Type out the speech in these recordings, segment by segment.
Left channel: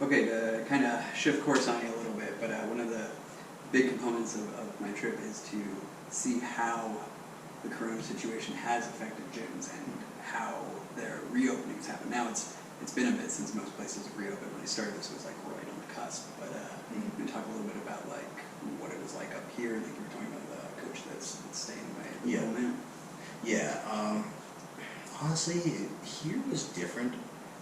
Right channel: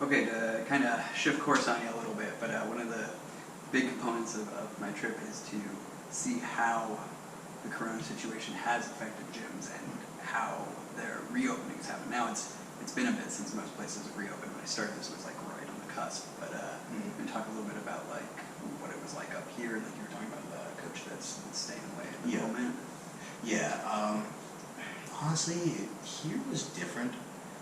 Okay, to kind of shift course on you a little bit, but one of the big components of my trip is to see how the corona situation has affected gyms and how their reopenings happen. Now it's been a bit since most places have reopened. When I started this, it was like right on the cusp. But we can talk a little bit about like what it was like up here, and like you were talking about the coach that's staying away at the moment. Yeah. Honestly, here was different.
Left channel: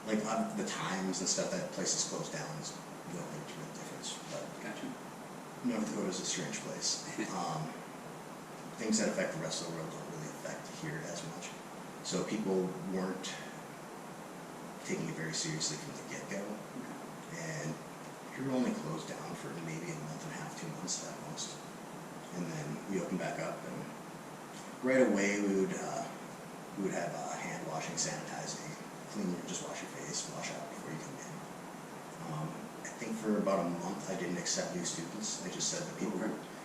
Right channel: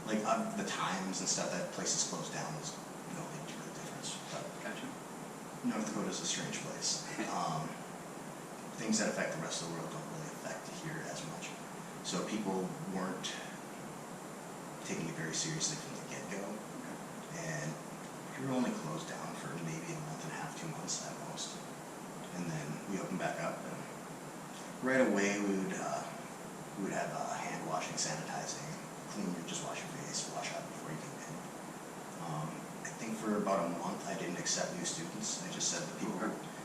Like the times and stuff that places closed down is no real difference. But Gotcha. North Dakota is a strange place. Things that affect the rest of the world don't really affect here as much. So people weren't taking it very seriously from the get-go. Okay. And we were only closed down for maybe a month and a half, 2 months at most. And then we opened back up, and right away we would have hand washing, sanitizing, clean your, just wash your face, wash out before you come in. I think for about a month I didn't accept new students. I just said that people,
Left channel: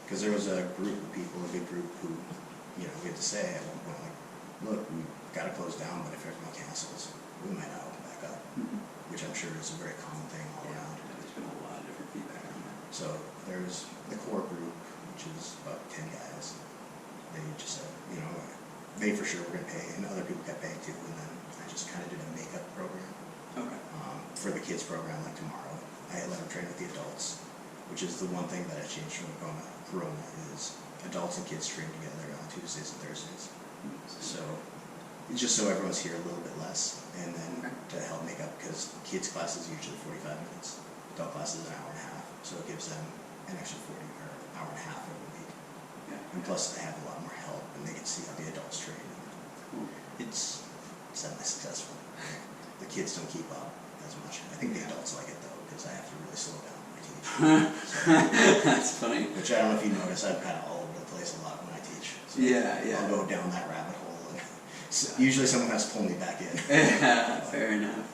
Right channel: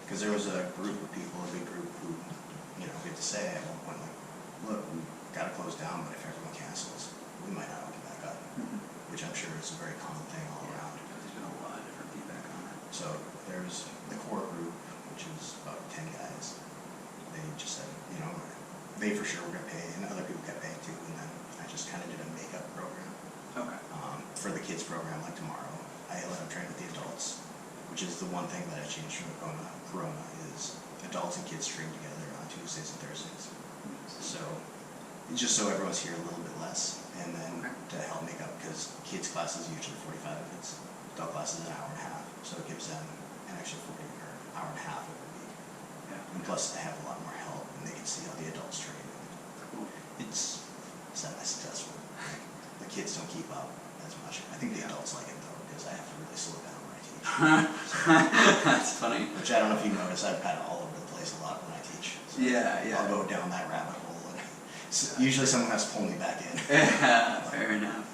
because there was a group of people, a big group who, we had to say at one point, like, look, we've got to close down, but if everyone cancels, we might not open back up, which I'm sure is a very common thing all around. Yeah, there's been a lot of different feedback on that. So there was the core group, which is about 10 guys. They just said, they for sure were going to pay, and other people kept paying too, and then I just kind of did a makeup program. Okay. For the kids program, like tomorrow, I let them train with the adults, which is the one thing that I changed from Corona is adults and kids train together on Tuesdays and Thursdays. So it's just so everyone's here a little bit less, and then to help make up, because kids classes usually 45 minutes, adult classes an hour and a half, so it gives them an extra 40 or an hour and a half every week. Yeah. And plus they have a lot more help, and they can see how the adults train. And it's semi-successful. The kids don't keep up as much. I think the adults like it though, because I have to really slow down when I teach. That's funny. Which I don't know if you notice, I'm kind of all over the place a lot when I teach. So I'll go down that rabbit hole, and usually someone has to pull me back in. Yeah, fair enough.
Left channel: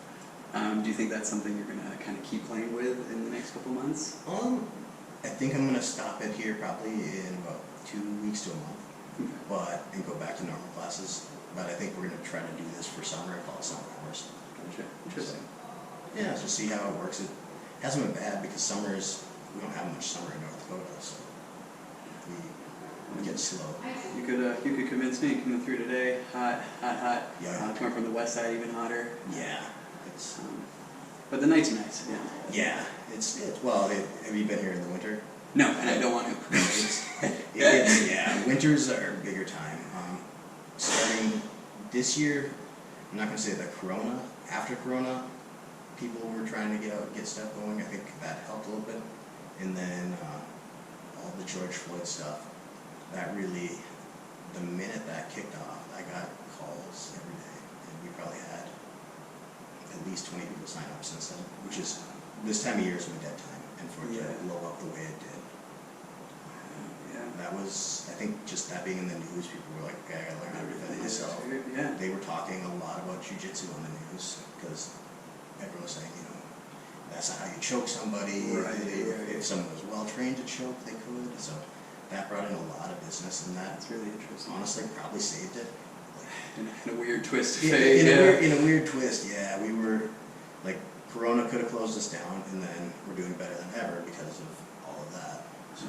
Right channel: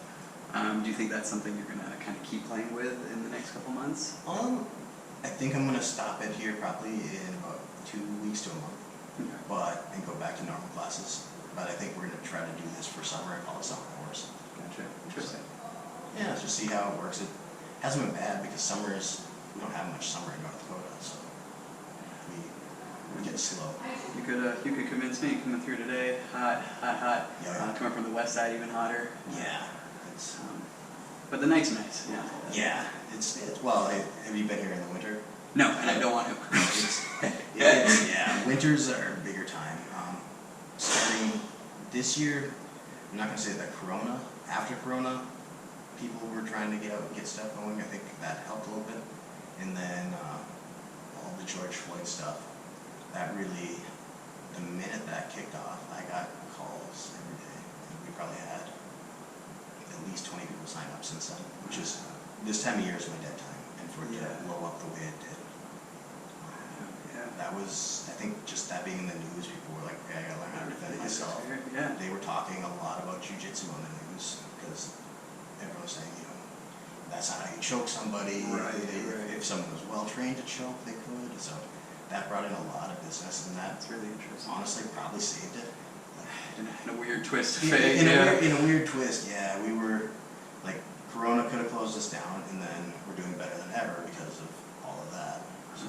Do you think that's something you're going to kind of keep playing with in the next couple months? I think I'm going to stop it here probably in about 2 weeks to a month, and go back to normal classes. But I think we're going to try to do this for summer and call it summer hours. Gotcha. Interesting. So, yeah, just see how it works. It hasn't been bad because we don't have much summer in North Dakota, so we get slow. You could convince me coming through today, hot. Yeah. Coming from the west side, even hotter. Yeah. But the night's nice. Yeah. Yeah. Have you been here in the winter? No, and I don't want to. Winters are a bigger time. Starting this year, I'm not going to say that Corona. After Corona, people were trying to get out and get stuff going. I think that helped a little bit. And then all the George Floyd stuff, that really, the minute that kicked off, I got calls every day. And we probably had at least 20 people sign up since then, which is, this time of year is my dead time. And for it to blow up the way it did. That was, I think, just that being in the news, people were like, okay, I gotta learn how to defend myself. Yeah. They were talking a lot about jiu-jitsu on the news, because everyone was saying, that's not how you choke somebody. If someone was well-trained to choke, they could. So that brought in a lot of business, and that's really interesting. Honestly probably saved it. In a weird twist. In a weird twist, yeah. We were, Corona could have closed us down, and then we're doing better than ever because of all of that. So.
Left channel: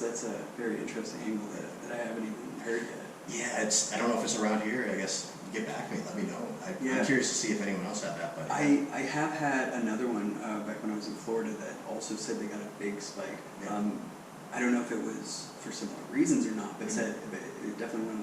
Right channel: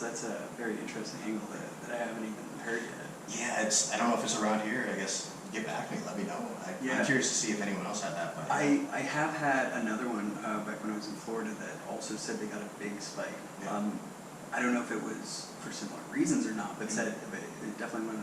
That's a very interesting angle that I haven't even heard yet. Yeah, I don't know if it's around here. I guess get back to me, let me know. I'm curious to see if anyone else had that. But I have had another one back when I was in Florida that also said they got a big spike. Yeah. I don't know if it was for similar reasons or not, but it definitely went